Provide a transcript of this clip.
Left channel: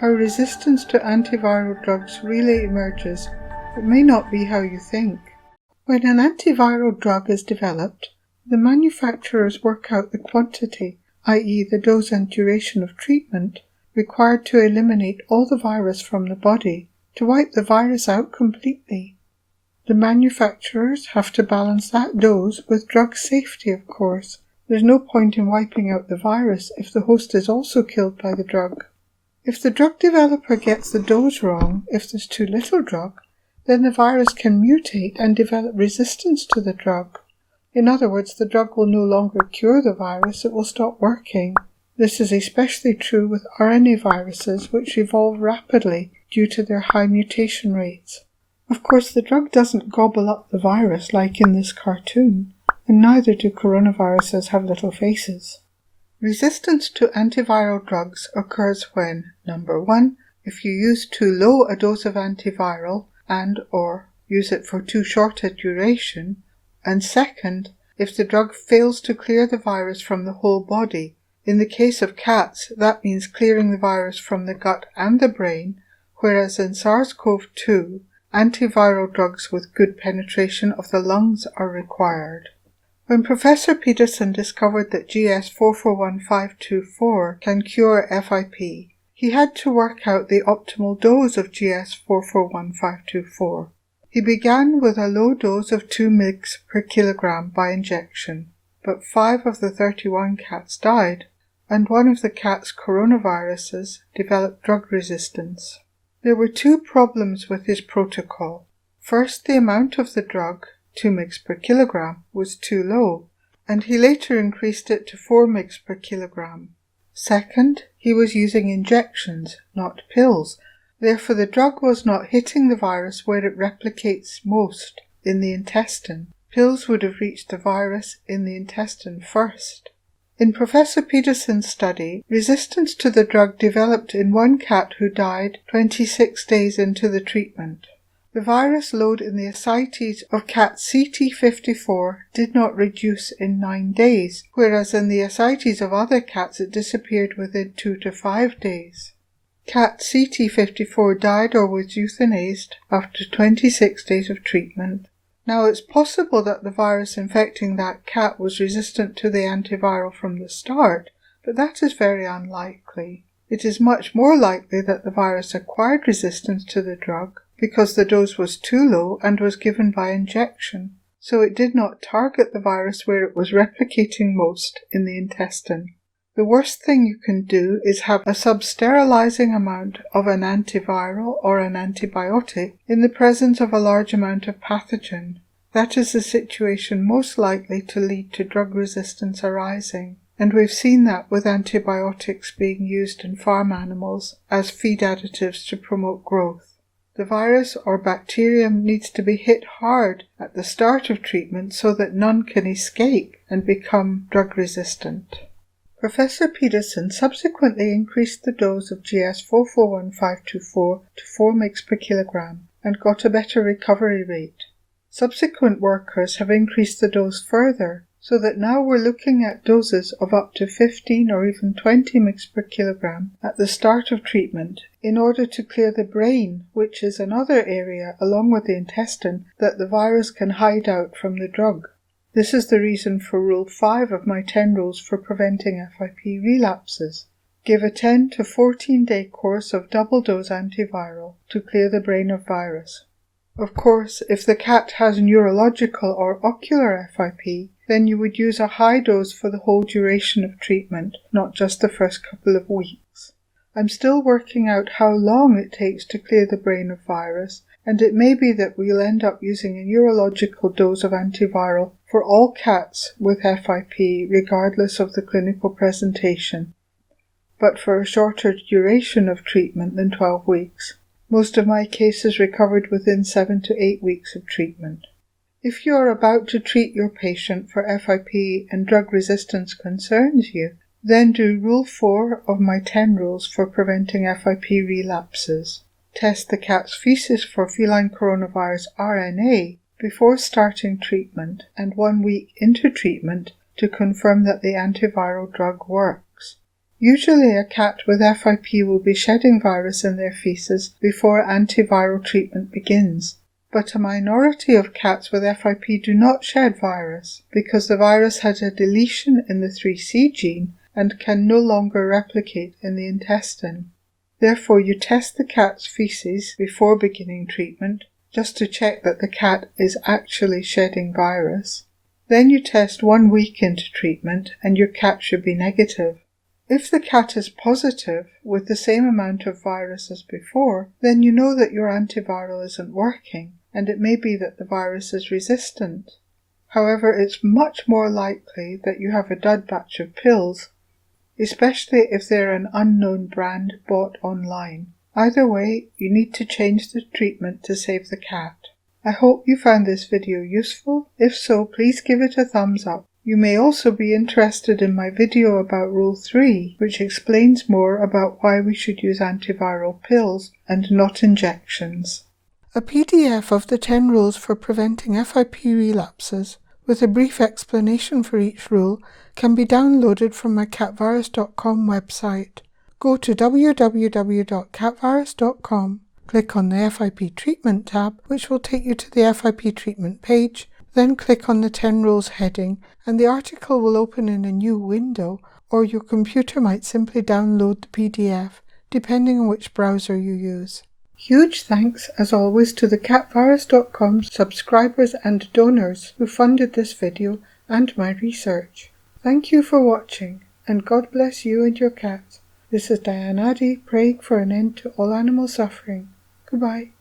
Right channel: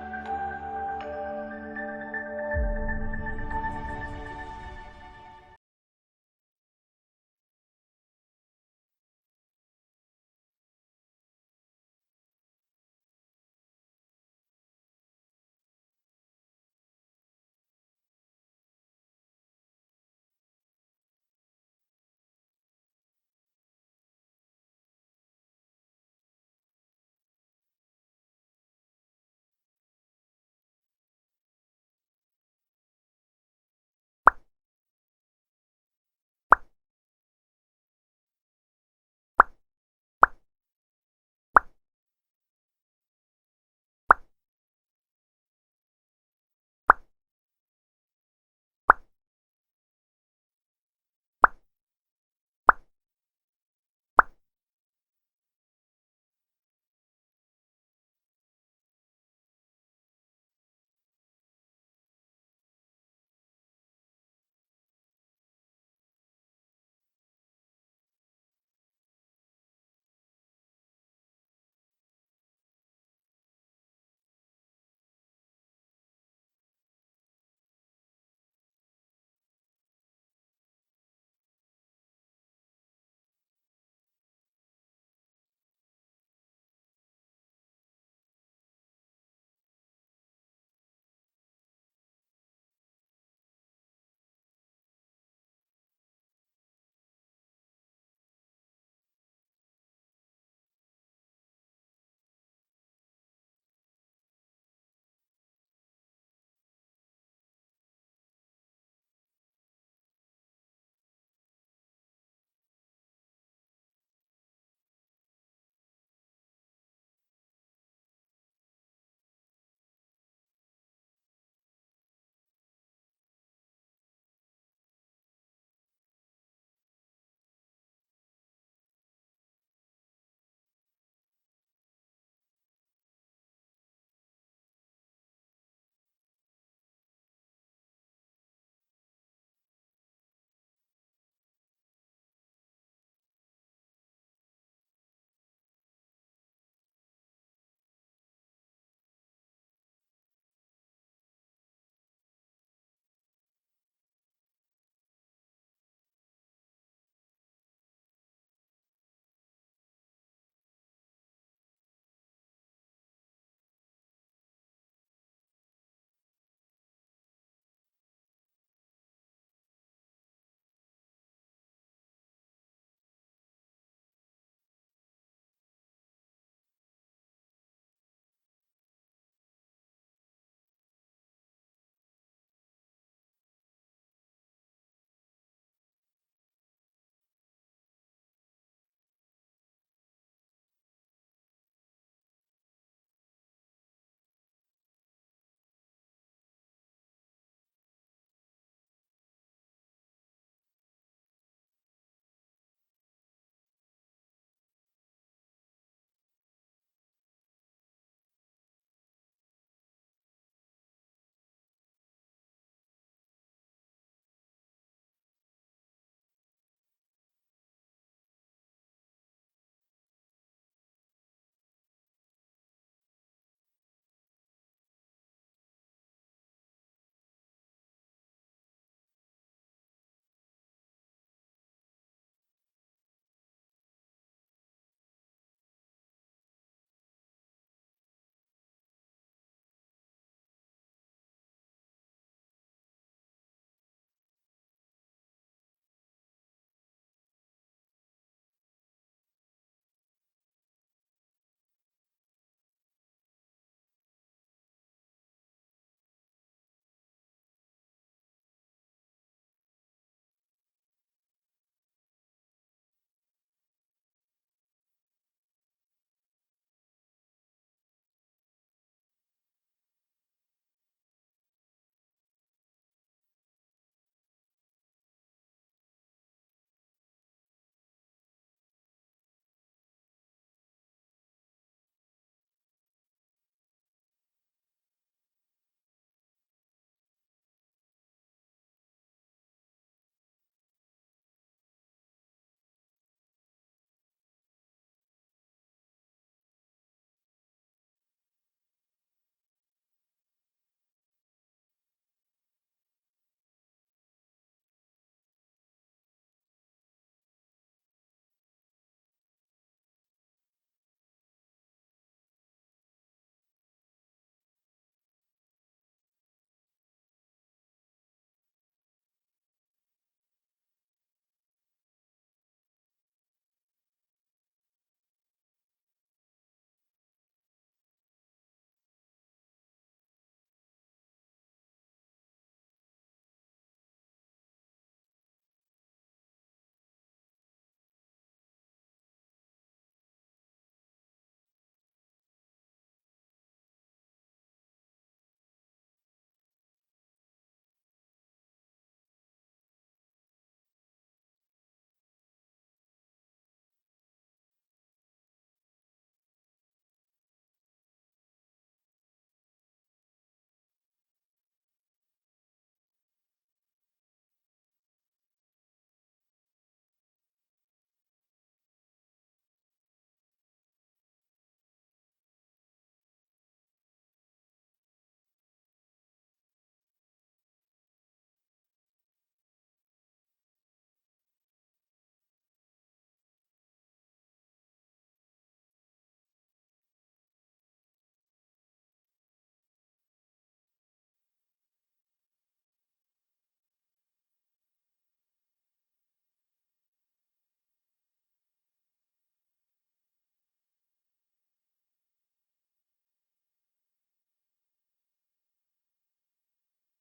How resistance to antiviral drugs really emerges, it may not be how you think. When an antiviral drug is developed, the manufacturers work out the quantity, i.e. the dose and duration of treatment, required to eliminate all the virus from the body, to wipe the virus out completely. The manufacturers have to balance that dose with drug safety, of course. There's no point in wiping out the virus if the host is also killed by the drug. If the drug developer gets the dose wrong, if there's too little drug, then the virus can mutate and develop resistance to the drug. In other words, the drug will no longer cure the virus, it will stop working. This is especially true with RNA viruses, which evolve rapidly due to their high mutation rates. Of course, the drug doesn't gobble up the virus like in this cartoon, and neither do coronaviruses have little faces. Resistance to antiviral drugs occurs when, number 1, if you use too low a dose of antiviral and/or use it for too short a duration, and second, if the drug fails to clear the virus from the whole body. In the case of cats, that means clearing the virus from the gut and the brain, whereas in SARS-CoV-2, antiviral drugs with good penetration of the lungs are required. When Professor Peterson discovered that GS441524 can cure FIP, he had to work out the optimal dose of GS441524. He began with a low dose of 2 mg per kilogram by injection, but 5 of the 31 cats died, and one of the cats' coronaviruses developed drug resistance. There were 2 problems with his protocol. First, the amount of the drug, 2 mg per kilogram, was too low, and he later increased it to 4 mg per kilogram. Second, he was using injections, not pills. Therefore, the drug was not hitting the virus where it replicates most, in the intestine. Pills would have reached the virus in the intestine first. In Professor Peterson's study, resistance to the drug developed in one cat who died 26 days into the treatment. The virus load in the ascites of cat CT54 did not reduce in 9 days, whereas in the ascites of other cats it disappeared within 2 to 5 days. Cat CT54 died or was euthanized after 26 days of treatment. Now it's possible that the virus infecting that cat was resistant to the antiviral from the start, but that is very unlikely. It is much more likely that the virus acquired resistance to the drug because the dose was too low and was given by injection, so it did not target the virus where it was replicating most, in the intestine. The worst thing you can do is have a substerilizing amount of an antiviral or an antibiotic in the presence of a large amount of pathogen. That is the situation most likely to lead to drug resistance arising, and we've seen that with antibiotics being used in farm animals as feed additives to promote growth. The virus or bacterium needs to be hit hard at the start of treatment so that none can escape and become drug resistant. Professor Peterson subsequently increased the dose of GS441524 to 4 mg per kilogram and got a better recovery rate. Subsequent workers have increased the dose further, so that now we're looking at doses of up to 15 or even 20 mg per kilogram at the start of treatment in order to clear the brain, which is another area, along with the intestine, that the virus can hide out from the drug. This is the reason for Rule 5 of my 10 rules for preventing FIP relapses. Give a 10 to 14-day course of double-dose antiviral to clear the brain of virus. Of course, if the cat has neurological or ocular FIP, then you would use a high dose for the whole duration of treatment, not just the first couple of weeks. I'm still working out how long it takes to clear the brain of virus, and it may be that we'll end up using a neurological dose of antiviral for all cats with FIP regardless of the clinical presentation, but for a shorter duration of treatment than 12 weeks. Most of my cases recovered within 7 to 8 weeks of treatment. If you are about to treat your patient for FIP and drug resistance concerns you, then do Rule 4 of my 10 rules for preventing FIP relapses. Test the cat's feces for feline coronavirus RNA before starting treatment and 1 week into treatment to confirm that the antiviral drug works. Usually a cat with FIP will be shedding virus in their feces before antiviral treatment begins. But a minority of cats with FIP do not shed virus because the virus has a deletion in the 3C gene and can no longer replicate in the intestine. Therefore, you test the cat's feces before beginning treatment just to check that the cat is actually shedding virus. Then you test 1 week into treatment and your cat should be negative. If the cat is positive with the same amount of virus as before, then you know that your antiviral isn't working, and it may be that the virus is resistant. However, it's much more likely that you have a dud batch of pills, especially if they're an unknown brand bought online. Either way, you need to change the treatment to save the cat. I hope you found this video useful. If so, please give it a thumbs up. You may also be interested in my video about Rule 3, which explains more about why we should use antiviral pills and not injections. A PDF of the 10 rules for preventing FIP relapses, with a brief explanation for each rule, can be downloaded from my catvirus.com website. Go to www.catvirus.com, click on the FIP treatment tab, which will take you to the FIP treatment page, then click on the 10 rules heading, and the article will open in a new window, or your computer might simply download the PDF, depending on which browser you use. Huge thanks, as always, to the catvirus.com subscribers and donors who funded this video and my research. Thank you for watching, and God bless you and your cats. This is Diane Addy, praying for an end to all animal suffering. Goodbye.